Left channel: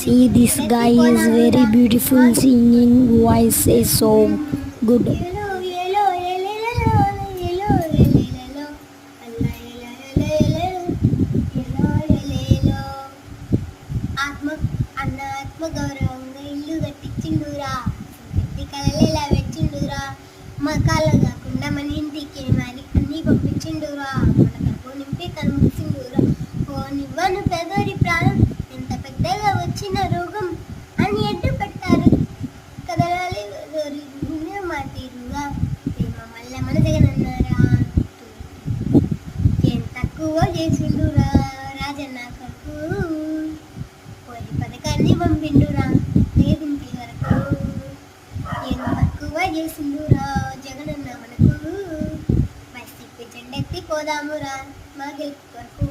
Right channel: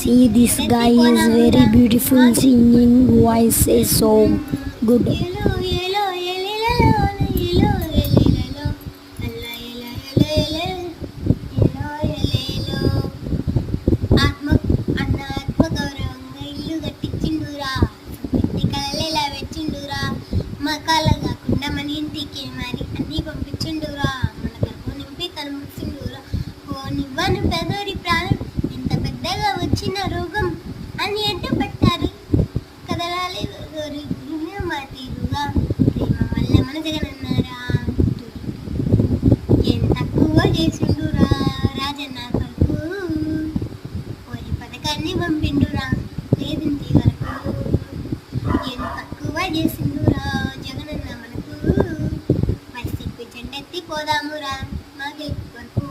See, this guy is very beautiful singing voice is so good. ఆత్మ అన్న ఆత్మ గౌరవంగా ఇల్లు కట్టించిండురా, పెట్టి కళలేలా వెచ్చిండురా, మా కాళ్ళ కాకుండా మన ఇంటికి మరి అన్నీ పంపించిండురా, మన కడుపు నింపి కనిపించిండురా. పోనివ్వను పెదోరి ప్రాణం, ఎంత పెద్దగా వచ్చిన రోగం అని అడ్డుపట్టారు కదలాలి మాటిరుగా, ప్రేమ వల్ల మన జగనన్నారా, ఏం తక్కువ చేసిండురా రాజన్న కొడుకు, కోరి పథకాన్ని పంపిండురా లేదింటి వరకు, ఏం తక్కువ చేసిండురా జగనన్న మనకు, వైసీపీ జెండెత్తి పోదామురా మా గెలుపు కొరకు.